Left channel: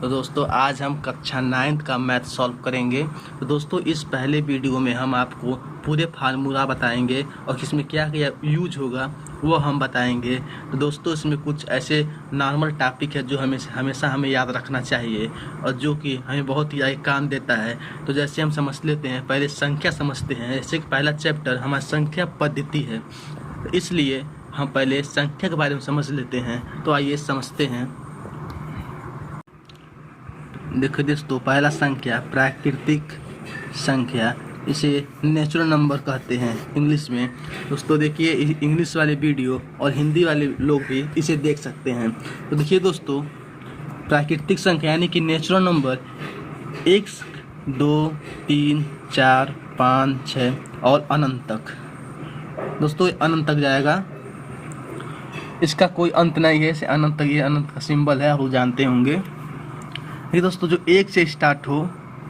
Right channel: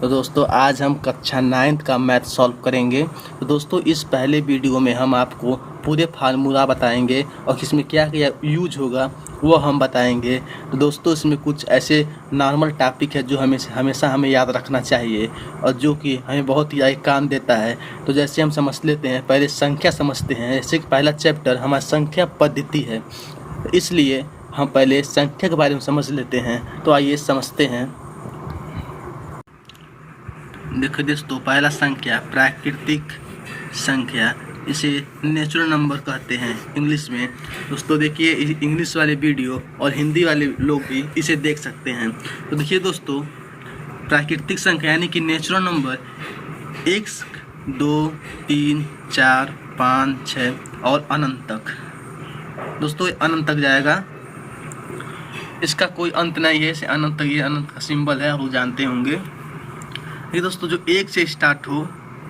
तो दोस्तों आज हम कक्षा 9th का मैथ सॉल्व करेंगे। तो दोस्तों इस पहले वीडियो में हम आपको पूरे फार्मूला बताएंगे और इसमें क्या क्या यूज होगा वो हम बताएंगे। तो दोस्तों इसमें कुछ ऐसे नॉर्मल टॉपिक है जो हमेशा हमें याद रखना चाहिए और जो कि हमें बहुत ही काम देता है। तो जैसे हम समझ लेते हैं, पहले संख्या समझते हैं। जैसे पहला चैप्टर हमारा संख्या पद्धति है, तो इसलिए हम पहले संख्या के बारे में समझ लेते हैं। तो आइए समझते हैं। देखो दोस्तों, पहला संख्या प्राकृतिक संख्या, इसे नेचुरल नंबर कहते हैं इंग्लिश में। दोस्तों देखिए, इंग्लिश वाले वीडियो और हिंदी वाले लोग भी इसे देख सकते हैं। तो देखिए दोस्तों, प्राकृतिक संख्या यानी कि नेचुरल नंबर 1, 2, 3, 4, 5, 6 और अनंत तक। दोस्तों अनंत तक जाएगा, इसका कोई अंत नहीं है। इसे अनंत तक, ये अनंत का सिंबल है, आप लोग जानते होंगे। ये दोस्तों जो 1 से स्टार्ट हो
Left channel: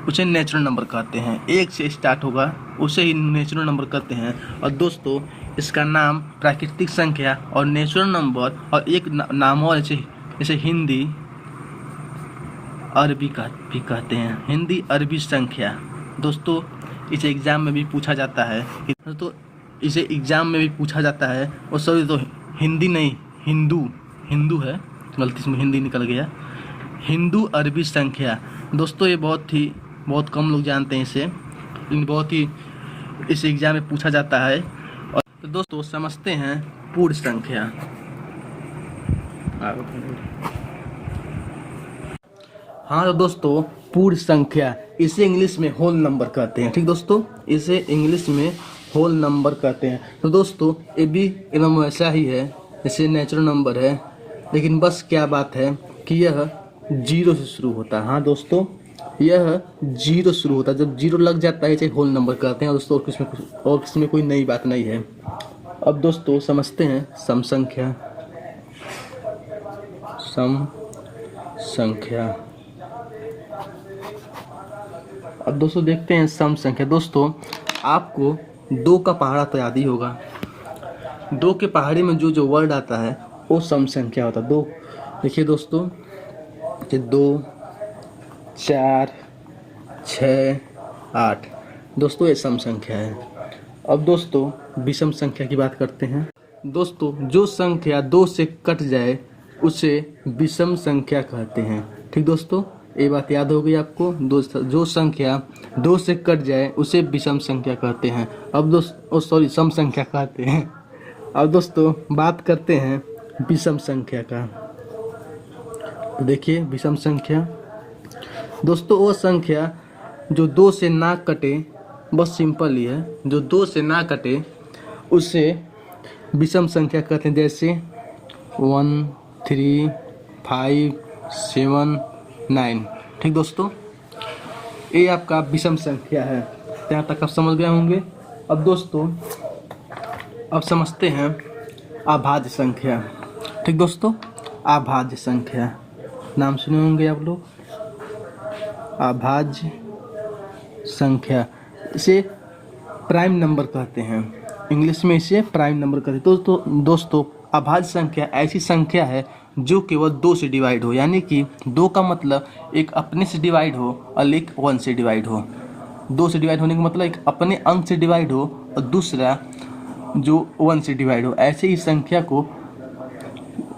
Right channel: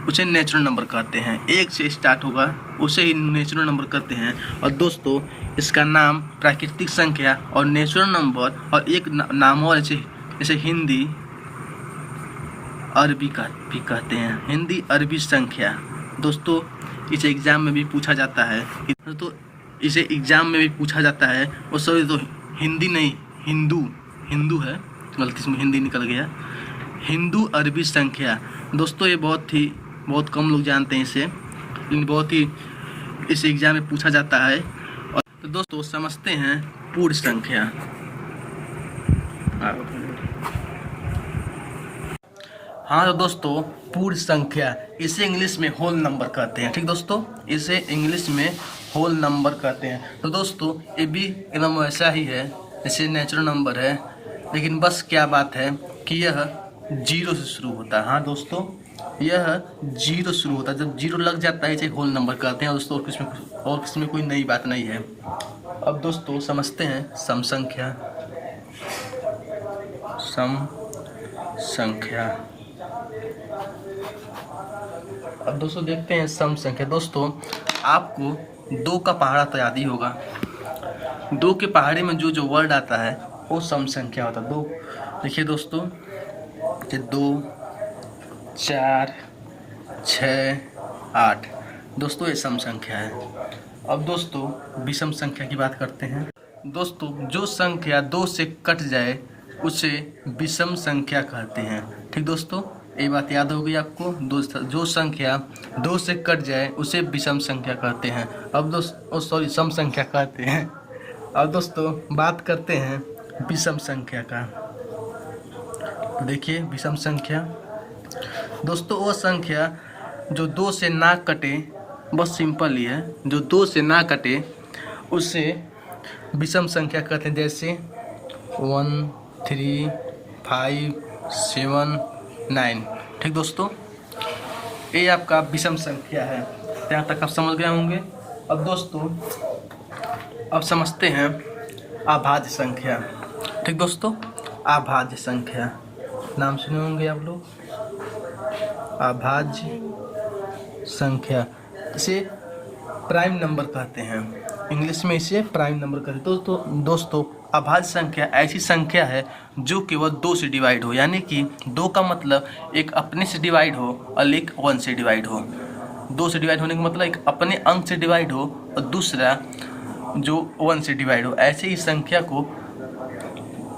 उसे नेचुरल नंबर कहते हैं। 1 से स्टार्ट होगा उसे ही नेचुरल नंबर कहते हैं। और दोस्तों इसका नाम प्राकृतिक संख्या और नेचुरल नंबर और एक नाम और जैसे हिंदी अरबी का भी कहते हैं, हिंदी अरबी संख्या। दोस्तों इसे एग्जाम में भी पूछा जाता है। तो इसे एग्जाम में भी पूछा जाता है। और सॉरी, तो हिंदी नहीं, हिंदू है, गलती से हिंदी निकल गया। हिंदू अरबी संख्या। दोस्तों ये बहुत कम लोग जानते हैं इसे, लेकिन बहुत ही इस एग्जाम में पूछा जाता है। और तो दोस्तों समझते हैं पूर्ण संख्या। हाँ तो दोस्तों पूर्ण संख्या, इसे इंग्लिश में होल नंबर कहते हैं। ठीक दोस्तों, इसे इंग्लिश में होल नंबर कहते हैं। तो दोस्तों ये भी एकदम वैसा ही है जैसे नेचुरल नंबर है, लेकिन बस क्या बात है कि यह 0 से शुरू होता है। हाँ दोस्तों, यह 0 शुरू होता है। जब 0 लग जाता है इसे होल नंबर कहते हैं। दोस्तों और किसमें कोई नई बात नहीं है। अब दोस्तों समझते हैं सम संख्या। सम संख्या, अब दोस्तों देखते हैं सम संख्या। दोस्तों आपको 2 का पहाड़ा तो याद ही होगा। 2 के पहाड़े में जो वर्ड आता है वो सम संख्या होता है। 2 देखिए दोस्तों, 2, 4, 6, 8। दोस्तों ये सम संख्या है। अब दोस्तों विषम संख्या की बात करते हैं। दोस्तों जो संख्या 2 से कट जाए उसे विषम संख्या कहते हैं। ठीक दोस्तों, ये बात याद हो गई आपको। जो संख्या 2 से कट जाए उसे विषम संख्या कहते हैं। अब सम संख्या कहते हैं। अब दोस्तों बात करते हैं विषम संख्या का। देखिए विषम संख्या, दोस्तों वो संख्या जो 2 से ना कटे, बस सिंपल ही है, जो 2 से ना कटे उसे विषम संख्या कहते हैं। जैसे 1, 3, 5, 7, 9। ठीक दोस्तों, ये आपका विषम संख्या है। यहाँ तक आप समझ गए होंगे। अब दोस्तों अब समझते हैं अभाज्य संख्या। ठीक दोस्तों, अभाज्य संख्या नाम सुने होंगे आप लोग। अभाज्य संख्या, इसे प्राइम नंबर कहते हैं। इंग्लिश में इसे प्राइम नंबर कहते हैं। दोस्तों अभाज्य संख्या ऐसी संख्या है जो केवल 2 से डिवाइड हो, यानी कि 2 का मतलब एक अपने से डिवाइड हो और एक 1 से डिवाइड हो। 2 से डिवाइड होने का मतलब एक अपने अंक से डिवाइड हो और दूसरा जो 1 से डिवाइड हो। ऐसे ही संख्या को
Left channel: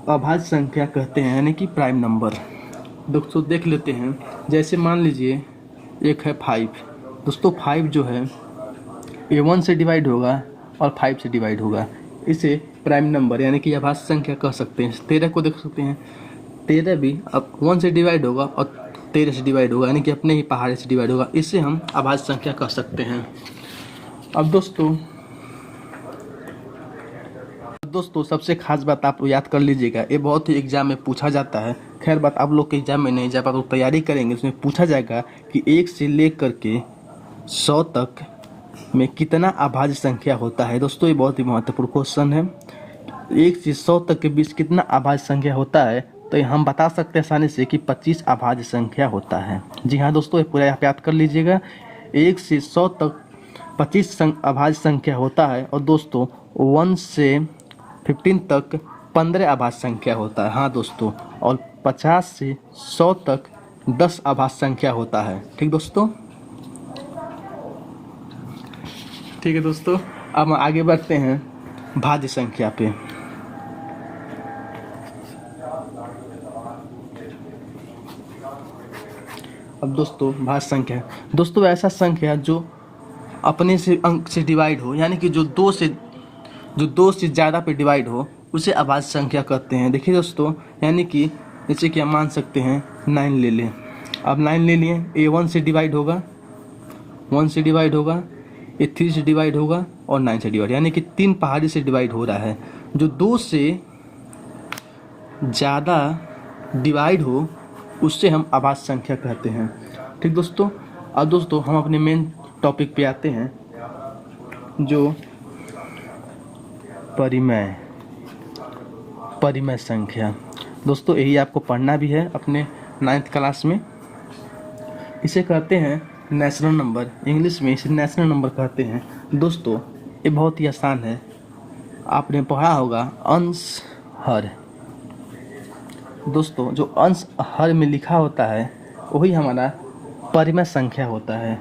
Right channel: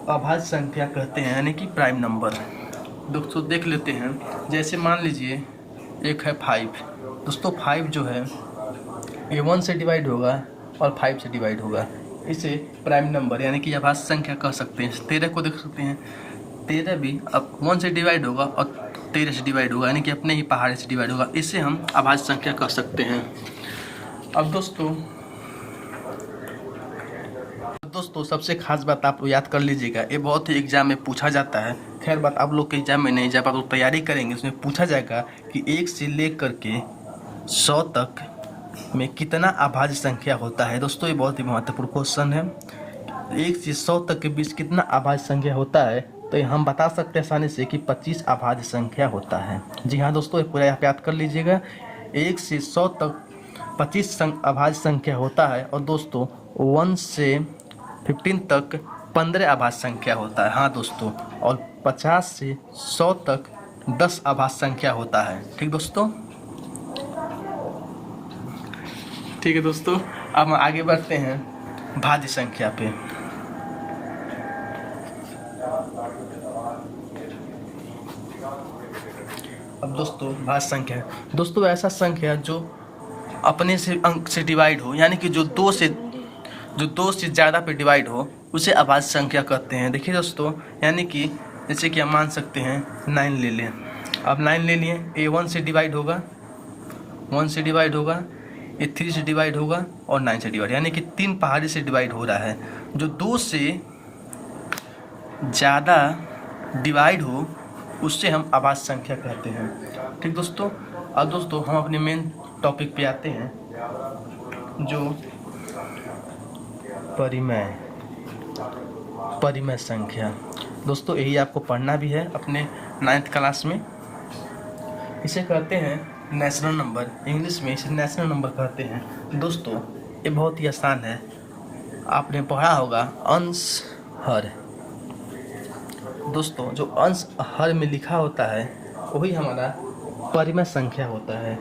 अभाज्य संख्या कहते हैं, यानी कि प्राइम नंबर। दोस्तों देख लेते हैं, जैसे मान लीजिए एक है 5। दोस्तों 5 जो है ये 1 से डिवाइड होगा और 5 से डिवाइड होगा। इसे प्राइम नंबर यानी कि अभाज्य संख्या कह सकते हैं। 13 को देख सकते हैं, 13 भी अब 1 से डिवाइड होगा और 13 से डिवाइड होगा, यानी कि अपने ही पहाड़े से डिवाइड होगा। इसे हम अभाज्य संख्या कह सकते हैं। अब दोस्तों सबसे खास बात आप याद कर लीजिएगा, ये बहुत ही एग्जाम में पूछा जाता है। खैर बात आप लोग के एग्जाम में नहीं, जब आप लोग तैयारी करेंगे उसमें पूछा जाएगा कि 1 से लेकर के 100 तक में कितना अभाज्य संख्या होता है। दोस्तों ये बहुत ही महत्वपूर्ण क्वेश्चन है। 1 से 100 तक के बीच कितना अभाज्य संख्या होता है, तो हम बता सकते हैं आसानी से कि 25 अभाज्य संख्या होता है। जी हाँ दोस्तों, ये पूरा याद कर लीजिएगा। 1 से 100 तक 25 अभाज्य संख्या होता है। और दोस्तों 1 से 15 तक 15 अभाज्य संख्या होता है। हाँ दोस्तों, और 50 से 100 तक 10 आभाज्य संख्या होता है। ठीक दोस्तों, ठीक है दोस्तों, अब हम आगे बढ़ते हैं भाज्य संख्या पे। अब दोस्तों भाज्य संख्या, दोस्तों ऐसा संख्या जो अपने से अंक से डिवाइड हो, यानी कि जो दो से ज़्यादा पे डिवाइड हो, उसे अभाज्य संख्या कहते हैं। देखिए दोस्तों, यानी कि जैसे कि हम मान सकते हैं 9 ले लें। अब 9 ले लिए, ये 1 से डिवाइड होगा, 1 से डिवाइड होगा, ये 3 से डिवाइड होगा और 9 से डिवाइड, यानी कि 3 पहाड़ी से डिवाइड हो रहा है। जो 2 से ज़्यादा डिवाइड हो उससे हम अभाज्य संख्या कहते हैं। ठीक दोस्तों, अब दोस्तों हम अपने मेन टॉपिक पे आते हैं, जो परिमेय संख्या। दोस्तों यही आपको पढ़ना भी है अपने 9th क्लास में। इसे कहते हैं नेचुरल नंबर, इंग्लिश में इसे नेचुरल नंबर कहते हैं। दोस्तों ये बहुत ही आसान है, आपने पढ़ा होगा अंश हर। दोस्तों जो अंश हर में लिखा होता है वही हमारा परिमेय संख्या होता है।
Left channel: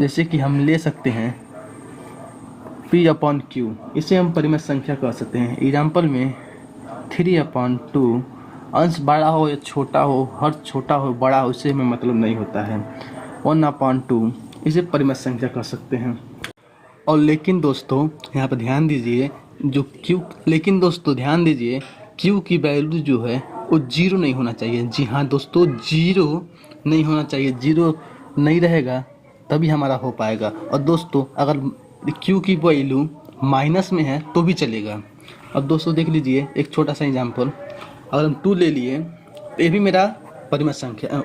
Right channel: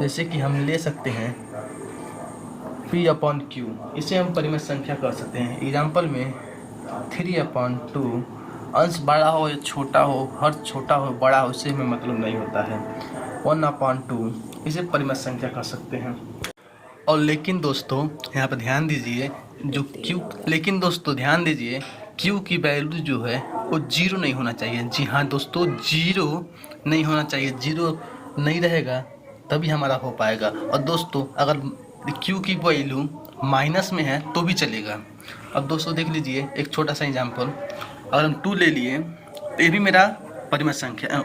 जैसे कि हम ले सकते हैं P/Q, इसे हम परिमेय संख्या कह सकते हैं। एग्जाम्पल में 3/2, अंश बड़ा हो या छोटा हो, हर छोटा हो बड़ा हो, इससे हमें मतलब नहीं होता है। 1/2, इसे परिमेय संख्या कह सकते हैं। और लेकिन दोस्तों यहाँ पर ध्यान दीजिए, जो ध्यान दीजिए Q की वैल्यू जो है वो 0 नहीं होना चाहिए। जी हाँ दोस्तों, 0 नहीं होना चाहिए। 0 नहीं रहेगा तभी हमारा हो पाएगा। और दोस्तों अगर Q की वैल्यू माइनस में है तो भी चलेगा। अब दोस्तों देख लीजिए एक छोटा सा एग्जाम्पल, अगर हम 2 ले लिए तो ये भी मेरा परिमेय संख्या,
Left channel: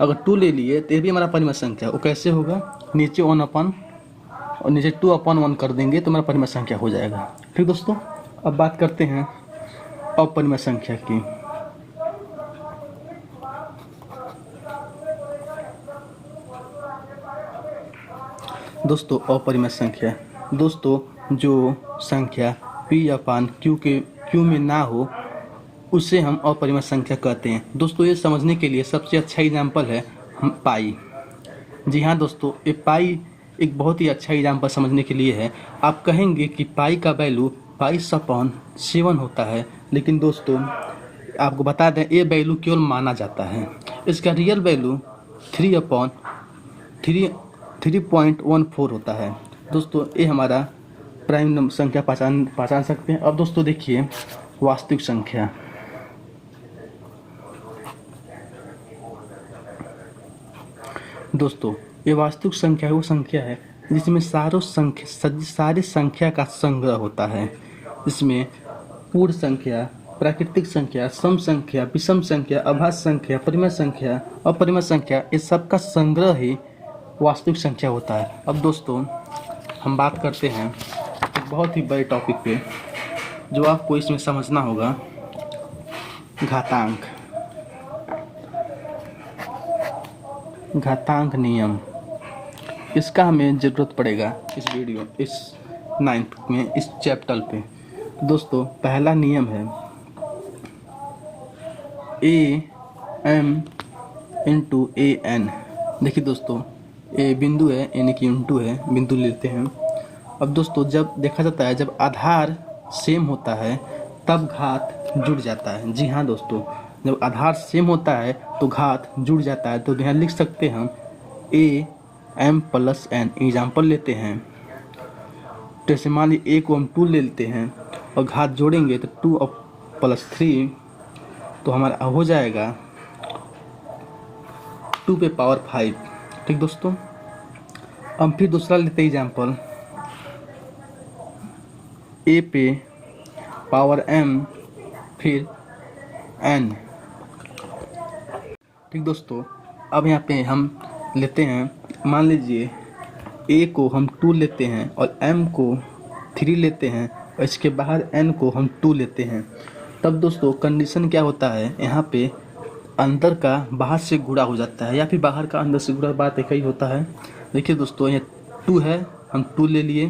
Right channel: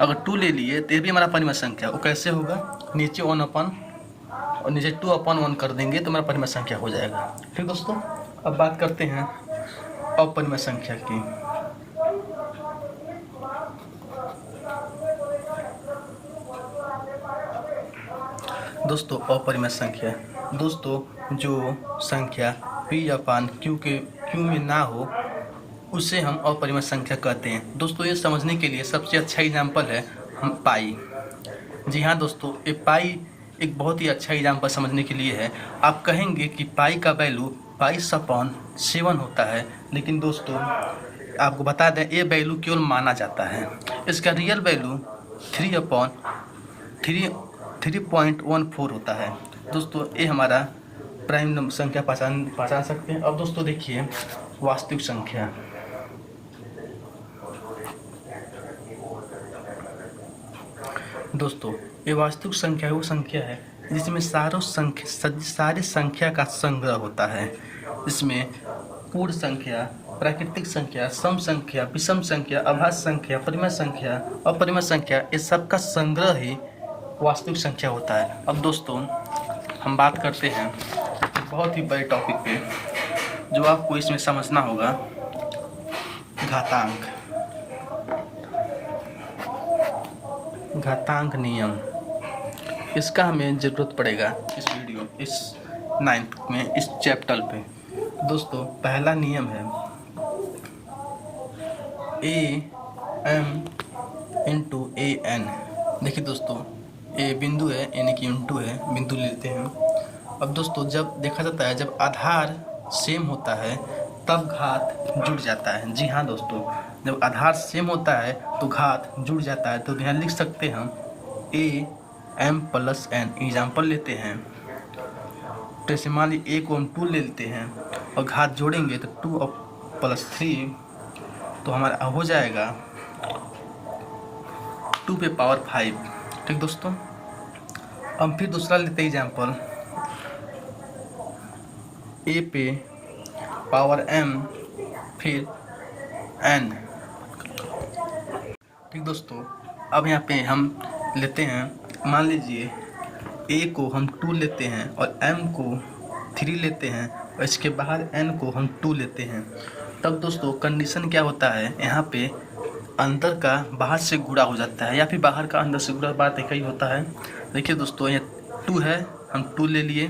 अगर 2 ले लिए तो ये भी हमारा परिमेय संख्या। वो कैसे होगा, नीचे 1 और नीचे 2/1 कर देंगे तो हमारा परिमेय संख्या हो जाएगा। ठीक दोस्तों, अब बात करते हैं अपरिमेय संख्या की। दोस्तों अपरिमेय संख्या, दोस्तों जो संख्या P/Q में ना हो उसे हम अपरिमेय संख्या कहते हैं। दोस्तों ये समझने के लिए सबसे अच्छा एग्जाम्पल है पाई। जी हाँ दोस्तों, ये पाई एक बहुत ही अच्छा एग्जाम्पल समझने के लिए है। आप कहेंगे कि पाई का वैल्यू 22/7 होता है, लेकिन दोस्तों आपको बता दें ये वैल्यू केवल माना जाता है। इसका रियल वैल्यू 3/3.14 होता है। दोस्तों ये हमारा प्राइम नंबर संख्या पहचान सकते हैं। अब दोस्तों देखिए वास्तविक संख्या। दोस्तों ये वास्तविक संख्या वो संख्या है जिसमें सारे संख्या का संग्रह होता है। इसमें पूर्ण संख्या, प्राकृतिक संख्या, सम संख्या, विषम संख्या, अभाज्य संख्या, परिमेय संख्या, अपरिमेय संख्या, ये सब का संग्रह ही वास्तविक संख्या होता है। अब दोस्तों हम बात करते हैं एक बहुत ही बड़े टॉपिक पे जो आपको इसमें समझना होगा, घातांक नियम। इसका हमें ज़रूरत पड़ेगा इस 9th में, इस चैप्टर पे। दोस्तों पहला नियम है AM×AN। देखिए दोस्तों ये बिंदु है यानी कि इंटू है, बिंदु लेते हैं। अब दोस्तों जब देखा जाता है जब आधार सेम होता है तब घात जुड़ जाता है। जी हाँ दोस्तों, जब आधार सेम होता है तो घात जुड़ जाता है। तो यहाँ लिख सकते हैं हम AM+N। एग्जाम्पल लेते हैं, जैसे मान लीजिए A को हम 2 ले लेते हैं और घात जोड़ेंगे तो 2+3 तो हमारा हो जाएगा 2⁵। ठीक दोस्तों, अब फिर दूसरा लेते हैं एग्जाम्पल, A पे पावर M फिर N। ठीक दोस्तों, अब यहाँ पे हम लेते हैं, मान लीजिए A को हम 2 लेते हैं और M को 3 लेते हैं और इसके बाहर N को हम 2 लेते हैं। तब दोस्तों कंडीशन क्या होता है, यहाँ पे अंदर का बाहर से गुणा हो जाता है या फिर बाहर का अंदर से गुणा, बात एक ही होता है। देखिए दोस्तों यहाँ 2 है, हम 2 ले लिए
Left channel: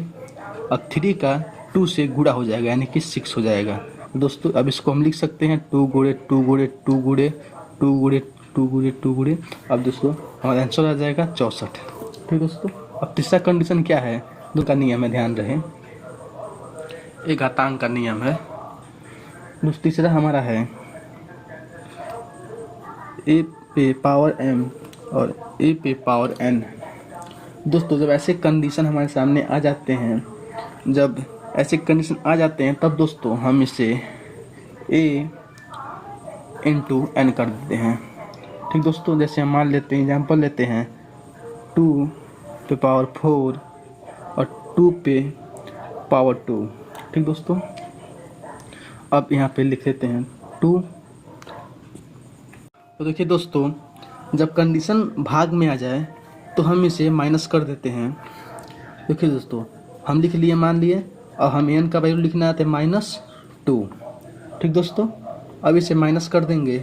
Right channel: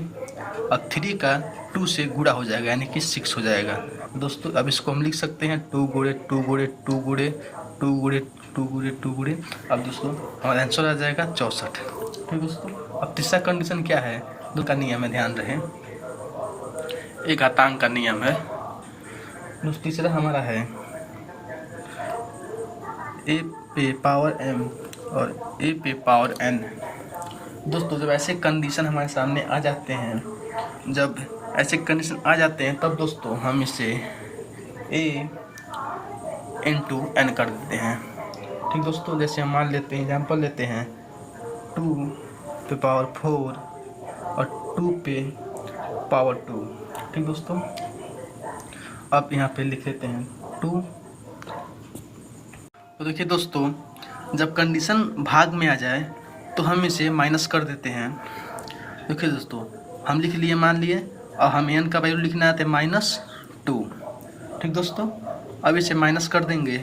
और 3 का 2 से गुणा हो जाएगा यानी कि 6 हो जाएगा। दोस्तों अब इसको हम लिख सकते हैं 2 × 2 × 2 × 2 × 2 गुणे 2 गुणे। अब दोस्तों हमारा आंसर आ जाएगा 64। ठीक दोस्तों, अब तीसरा कंडीशन क्या है, दो का नियम है, ध्यान रहे, एक घातांक का नियम है। दोस्तों तीसरा हमारा है a पे पावर m और a पे पावर n। दोस्तों जब ऐसे कंडीशन हमारे सामने आ जाते हैं, जब ऐसे कंडीशन आ जाते हैं तब दोस्तों हम इसे a इंटू n कर देते हैं। ठीक दोस्तों, जैसे हम मान लेते हैं, एग्जाम्पल लेते हैं 2 पे पावर 4 और 2 पे पावर 2। ठीक दोस्तों, अब यहाँ पे लिख लेते हैं 2। तो देखिए दोस्तों, जब कंडीशन भाग में आ जाए तो हम इसे माइनस कर देते हैं। देखिए दोस्तों, हम लिख लिए, मान लिए, और हम n का वैल्यू लिखना है -2। ठीक दोस्तों, अब इसे माइनस कर देंगे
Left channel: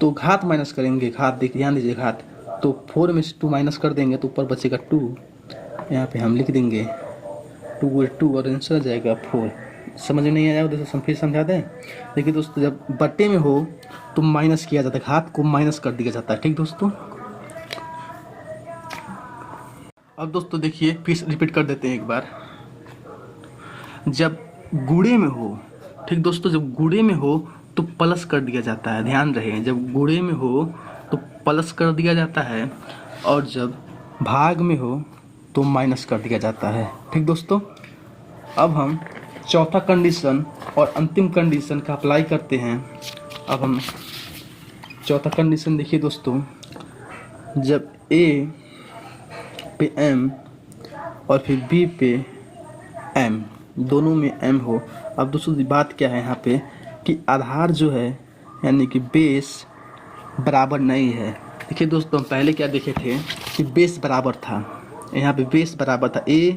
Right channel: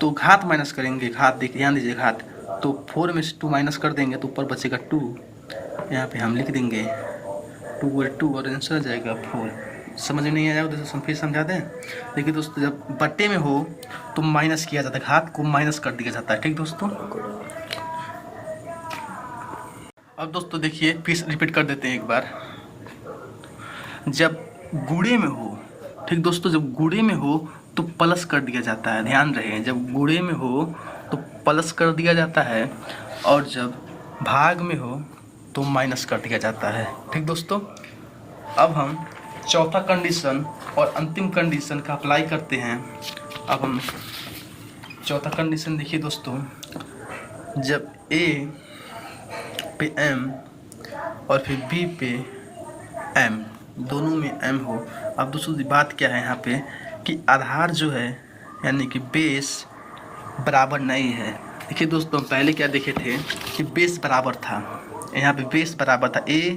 तो घात माइनस करेंगे, घात देखिए, ध्यान दीजिए, घात, तो 4 में से 2 माइनस कर देंगे तो ऊपर बचेगा 2। यहाँ पे हम लिख देंगे 2 गुणे 2 और आंसर आ जाएगा 4। समझ में नहीं आया दोस्तों, फिर समझा दें। देखिए दोस्तों, जब बट्टे में हो तो माइनस किया जाता है, घात को माइनस कर दिया जाता है। ठीक दोस्तों, अब दोस्तों देखिए, फिर रिपीट कर देते हैं एक बार। जब गुणे में हो, ठीक दोस्तों, जब गुणे में हो तो प्लस कर दिया जाता है, ध्यान रहे, जब गुणे में हो तो प्लस कर दिया जाता है, और जब भाग में हो तो माइनस कर दिया जाता है। ठीक दोस्तों, अब हम चौथा कंडीशन और अंतिम कंडीशन का अप्लाई करते हैं। अब हम चौथा कंडीशन देखिए दोस्तों, जब a पे m और फिर b पे m, दोनों में m हो। अब दोस्तों बात क्या है यहाँ पे कि आधार जो है, यानी कि बेस बराबर नहीं है। देखिए दोस्तों, पहले क्या देखे थे कि बेस बराबर था, यहाँ पे बेस बराबर था a,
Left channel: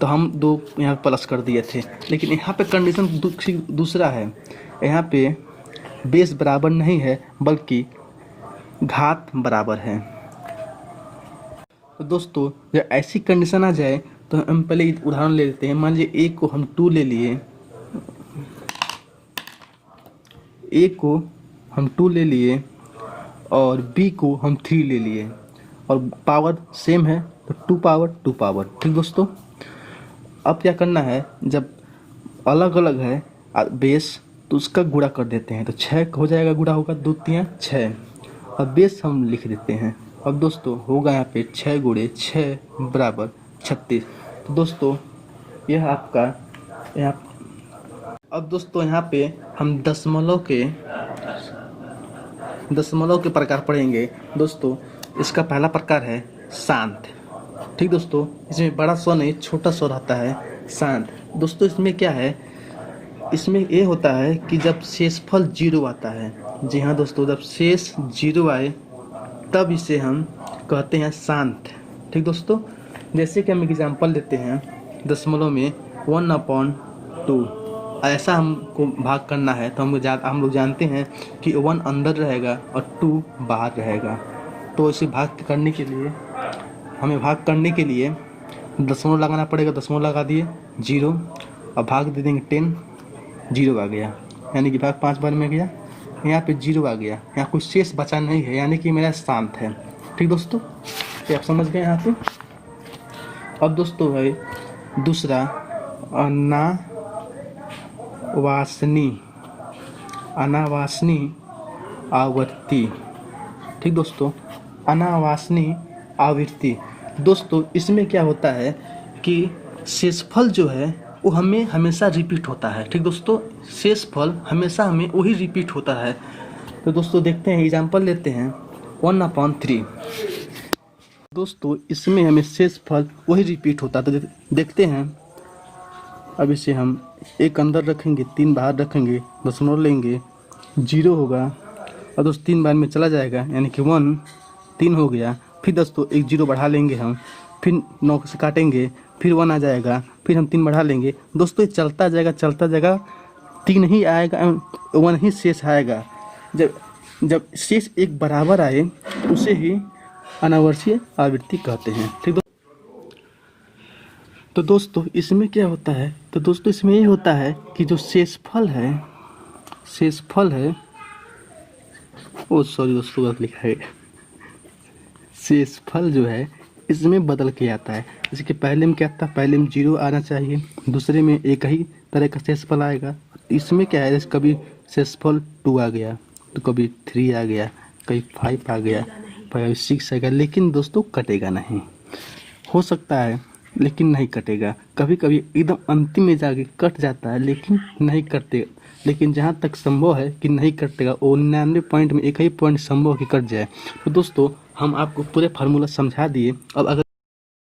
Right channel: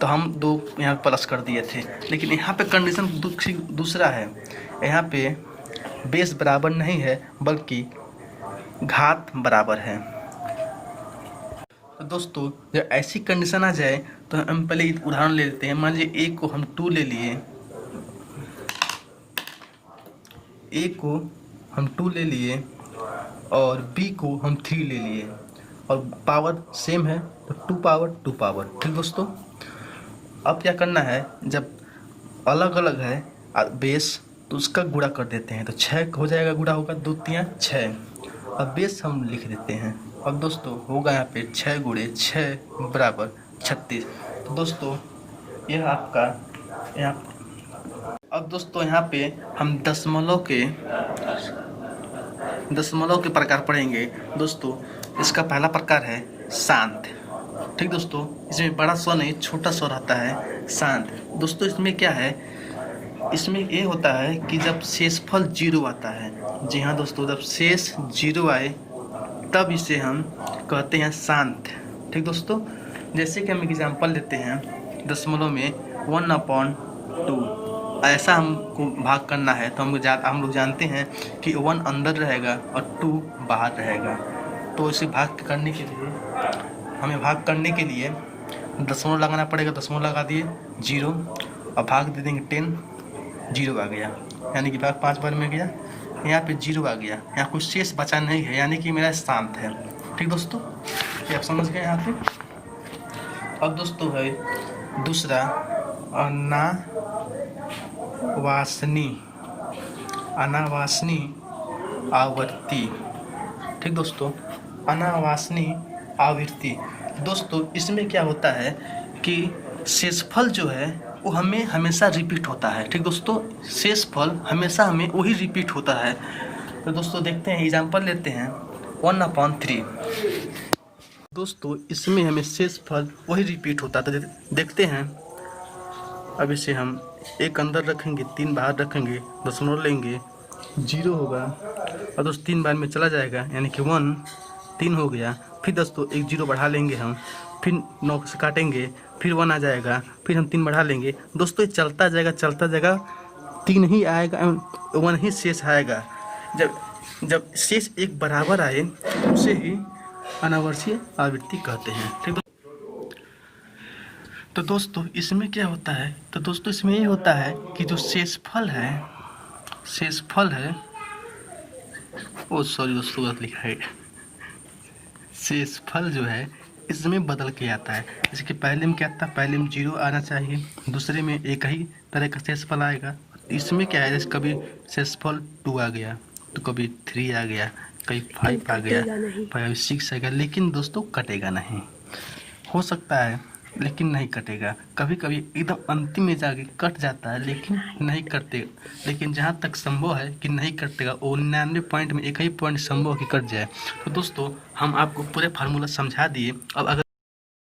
तो हम 2 यहाँ प्लस कर दिए थे। लेकिन यहाँ पे कंडीशन दूसरा है, यहाँ पे बेस बराबर नहीं है बल्कि घात बराबर है। तो दोस्तों जब ऐसी कंडीशन आ जाए तो हम पहले उदाहरण ले लेते हैं। मान लीजिए a को हम 2 ले लिए, a को हम 2 ले लिए और b को हम 3 ले लिए, और पावर सेम है तो 2 पावर 2 पावर। ठीक दोस्तों, अब क्या करना है, जब अलग अलग है बेस तो उसका गुणा कर देते हैं, तो 6 हो जाएगा, गुणा होगा 2 3 6, अब बेस हम लिख देते हैं। अब दोस्तों होगा यहाँ पे 6 गुणे 6 बराबर 36। तो दोस्तों यह आपका यहाँ, अब दोस्तों यहाँ पे हम दशमलव के प्रकार पढ़ेंगे। दोस्तों इसका पहला प्रकार है शांत। ठीक दोस्तों, इसमें बड़ा स्वर नहीं, छोटा स्वर रहता है, शांत। दोस्तों इसमें क्या है, इसमें ये होता है कि जब शेषफल 0 आता है, जी हाँ दोस्तों, जब शेष 0 आए तब इसे हम कहते हैं शांत। ठीक दोस्तों, जैसे कि हम एग्जाम्पल लेते हैं, दशमलव में 1/2 ऐसा हमको भाग करना है, तो हम लोग जानते हैं कि 1 अंदर रहेगा और 2 बाहर रहेगा। तो इसे भाग करने के लिए दशमलव लगाना पड़ेगा, दशमलव लगा दिए 0 और भाग दे देंगे 10, 0 आ गया, यानी कि भाग 5 बार में गया, यहाँ पे 0 आ गया, यहाँ कुछ शेष बचा नहीं है, यानी कि मेरा शांत है। ठीक दोस्तों, तो आप समझ गए यहाँ पे। अब दोस्तों है दूसरा अनावासनी आवृत्ति। ठीक दोस्तों, अनावासनी आवृत्ति। दोस्तों इसमें क्या होता है कि शेषफल जो है वो हमें हमेशा रिपीट होता है। ठीक दोस्तों, शेषफल हमेशा हमें वही रिपीट होता है। तो दोस्तों देखते हैं, एग्जाम्पल लेते हैं 1/3। दोस्तों इसमें हमें शेषफल वही रिपीट होता है, तो देखते हैं। अब इसे हम 1 अंदर रखेंगे, 3 बाहर रखेंगे, दशमलव लेंगे, 0 होगा, और दोस्तों 3 बार में चला जाएगा, यानी कि 1, 3 हो गया। फिर दोस्तों 1 0 बढ़ा लेंगे हम, फिर 9 से काटेंगे, फिर 1 आ जाएगा, फिर हम 3 बढ़ा लेंगे। दोस्तों ये चलता जाएगा, 3 ही आएगा, 1 ही शेष आएगा। जब शेष एक बराबर आए उसे ही अनावर्तीय आवृत्ति कहते हैं। ठीक, तो दोस्तों इसमें क्या होता है, तो दोस्तों इसमें ये होता है कि जो शेषफल है ओ सॉरी दोस्तों, गलत लिखा है। शेषफल जो है इसमें बदल के आता है। इसके पहले में क्या था, पहले में 0 आना चाहिए, दूसरे में एक ही तरह का शेषफल आएगा। इसमें क्या है, जैसे कभी शेषफल 2 आ गया तो कभी 3 आ गया, कभी 5 आ गया, कभी 6 आ गया, लेकिन दोस्तों कटेगा नहीं। हो सकता है लेकिन नहीं कटेगा। कभी कभी एकदम अंतिम में जाके कट जाता है लेकिन नहीं कटे। लेकिन जहाँ तक संभव है कि नहीं कटेगा, वो 99 पॉइंट में एक ही पॉइंट संभव है कि कट जाए। तो दोस्तों हम आपको पूरे फार्मूला समझा दिए। अब अगर